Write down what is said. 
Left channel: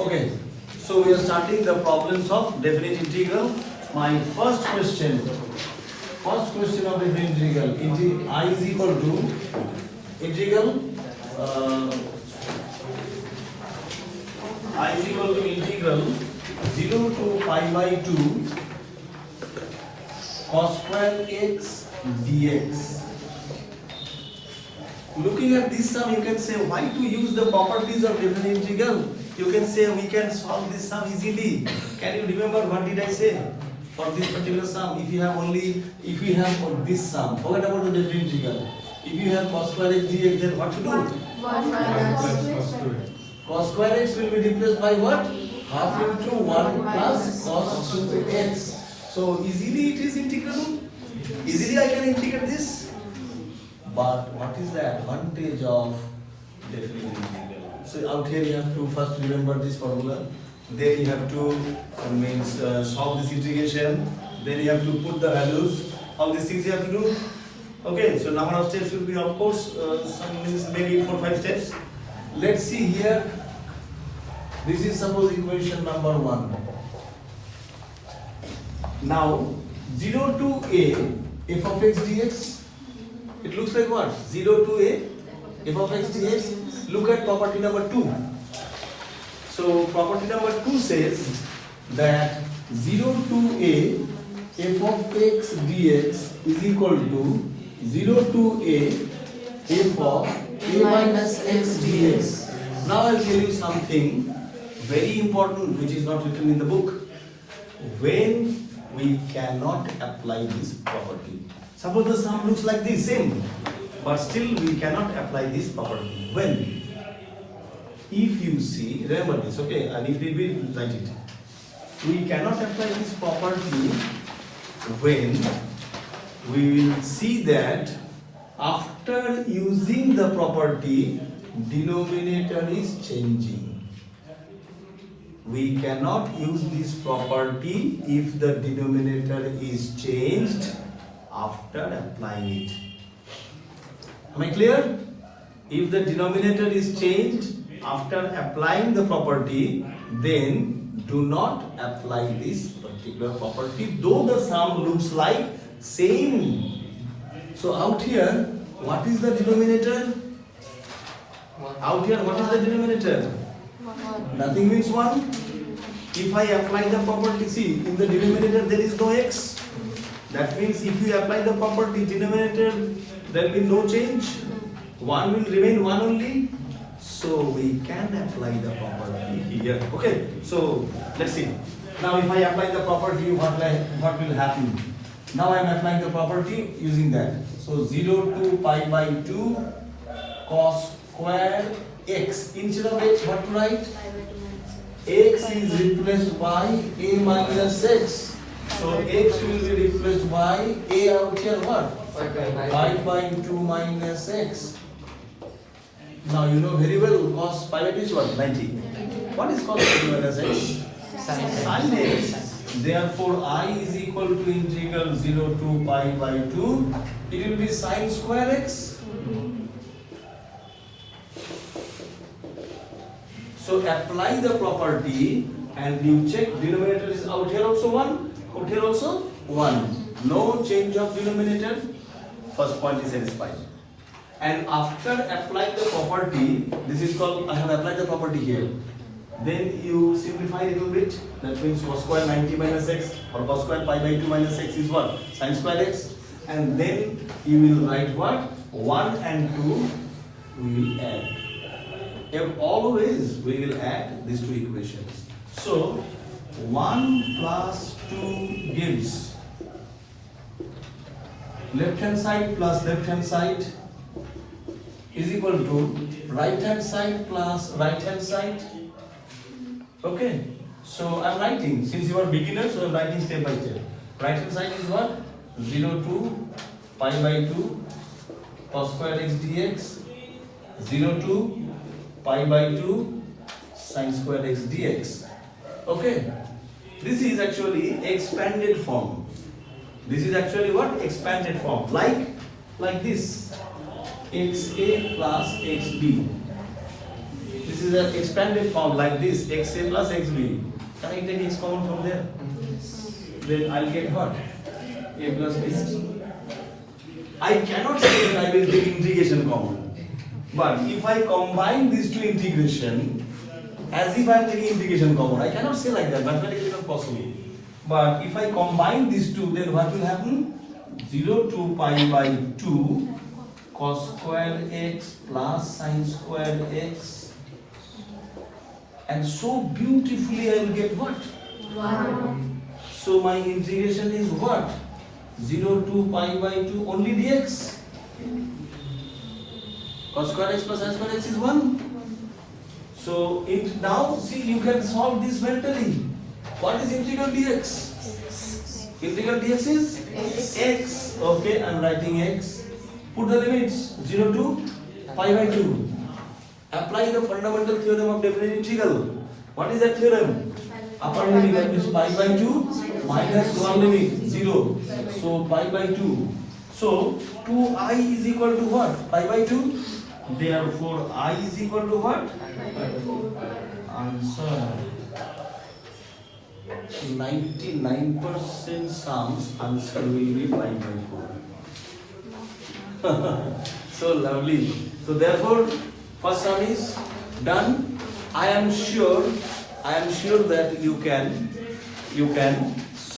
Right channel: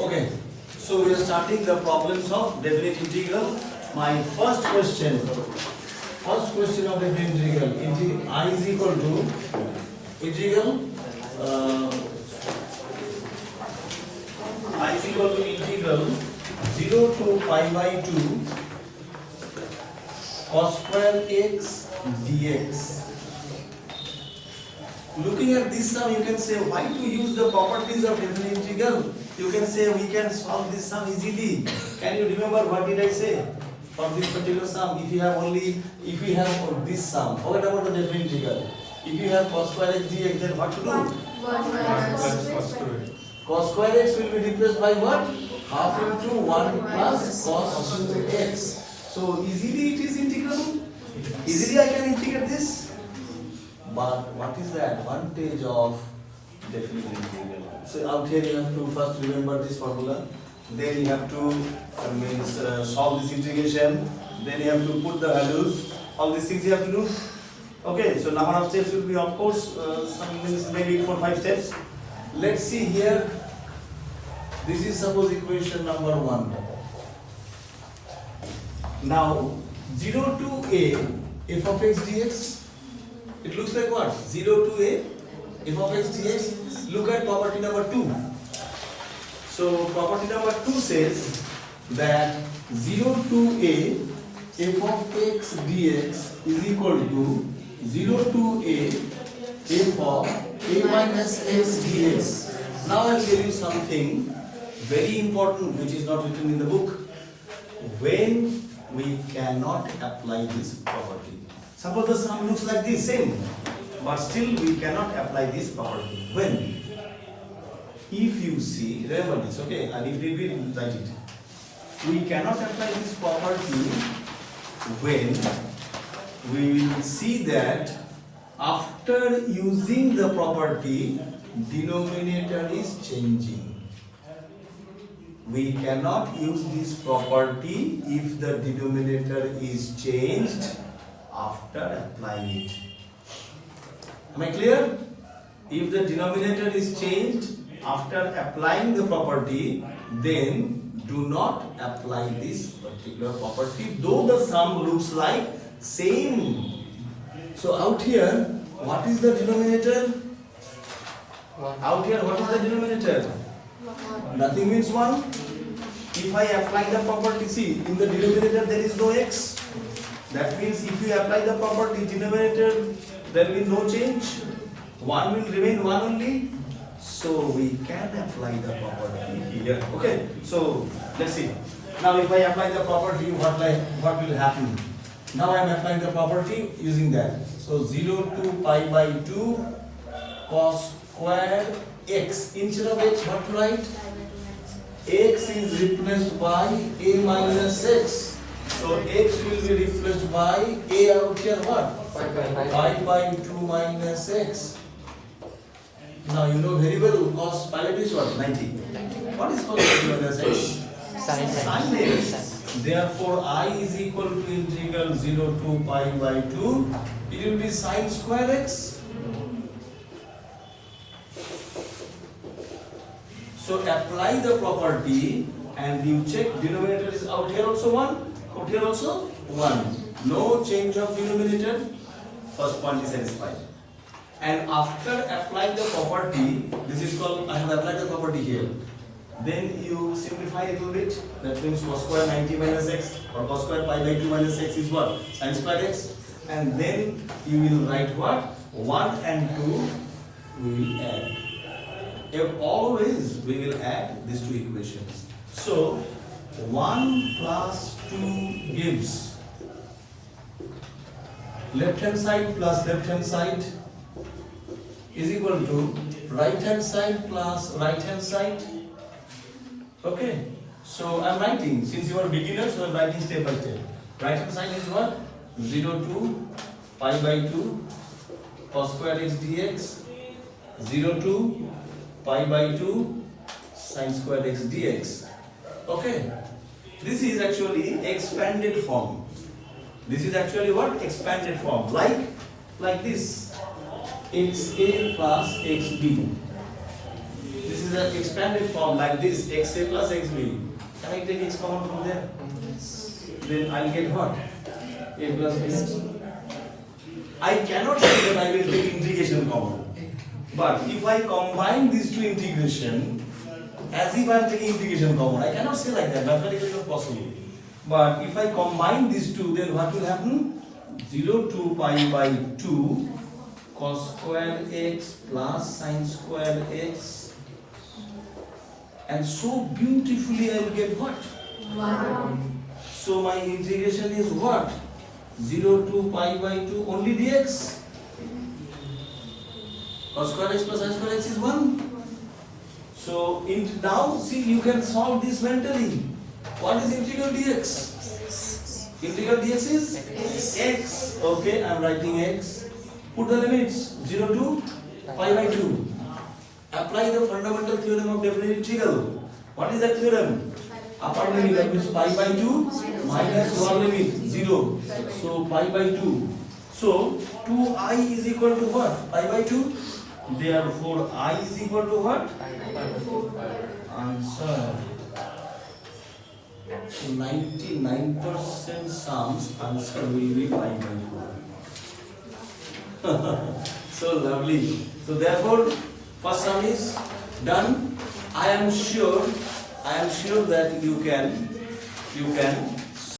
Okay, so we are starting the problems of definite integral. My first question of definite integral, I is equal to integral I is equal to integral 0 to pi by 2 cos square x dx. Looking at this sum, you can say why to use the properties of definite integral. You can say we can solve this sum easily. Can you remember what did I say? For this particular sum, if you have this sum, forget about the definite integral. If you have cos square x dx, then what to do? Cos square x will be replaced by what? Half into 1 plus cos into x. So easily it is integrable. Easily I can integrate this. But what is the advantage of definite integral? So out here you have to first remember this formula. Then you have to solve this integration. Then you have to put the values. All these things you have to do. Okay, so number of steps will be, of course, some means maybe 4-5 steps. Let's see here. This is suppose equation number 1. Now 0 to a f of x dx. It looks like what? 0 to a f of x dx. Look at property number 2. So property number 2 says that 0 to a f of x dx is equal to 0 to a f of a minus x dx. Now I will tell you something very important which is not written in the book. When we cannot apply this property. Suppose the sum looks like this, same, but still we cannot apply this property. When? If you see, remember this, okay, and if we will write it. We cannot apply this property when we will see that after using the property, denominator is changing. We cannot use this property if the denominator is changed after applying it. Am I clear? If the denominator is changed after applying the property, then do not apply this particular property, though the sum looks like same. So out here, what is the denominator? Out here, what is the denominator? Nothing means 1. If I apply the property, see, in the denominator there is no x. That means if you apply the property denominator, there will be no change. 1 will remain 1 only. So we can apply the property here. Okay, so let's see. Now if I apply the property, what will happen? Now I am applying the property using that. So 0 to pi by 2 cos square x. Instead of x, what to write? X is replaced by a minus x. So x will be replaced by a out here what? 5 by 2 minus x. Now you know very well cos pi by 2 is what? 90. What is cos pi minus x? Sin x. Therefore I is equal to integral 0 to pi by 2. It will be sin square x. So apply the property and you check denominator is out here also 1, out here also 1. No change of denominator. First point is satisfied. And after applying the property, this is called, I have applied the property here. Then you simplify a little bit. That means cos square 90 minus x or cos square pi by 2 minus x is what? Sin square x. And then you will write what? 1 and 2 we will add. Always we will add these two equations. So 1 plus 2 gives left hand side plus left hand side is equal to right hand side plus right hand side. Okay, so I am writing, since you are beginners, you are writing step by step. Right hand side is what? 0 to pi by 2 cos square x dx, 0 to pi by 2 sin square x dx. Okay, this is actually expanded form. This is actually what? Expanded form. Like this. xa plus xb. This This is an expanded form like this, xa plus xb. Can I take x common from there? Then I'll get what? A plus b. I cannot say that I will take integration common. But if I combine these two integration, as if I am taking integration common, I cannot say like that. Mathematically it is not possible. But if I combine these two, then what will happen? 0 to pi by 2 cos square x plus sin square x, and so beautifully I will get what? 1. So my integration is what? 0 to pi by 2 only dx. Cos square x plus sin square x is 1. So now see, you can solve this mentally. What is integral dx? Integral dx is x. Okay, I am writing x. Put the limits 0 to pi by 2. Apply the fundamental theorem of definite integral. What is that theorem? Upper limit, that means pi by 2 minus lower limit 0. So pi by 2. So 2i is equal to what? Pi by 2. Therefore I is equal to what? Answer. 99% sums answer will be pi by 4. So lovely. So therefore first sum is done. I am sure that you can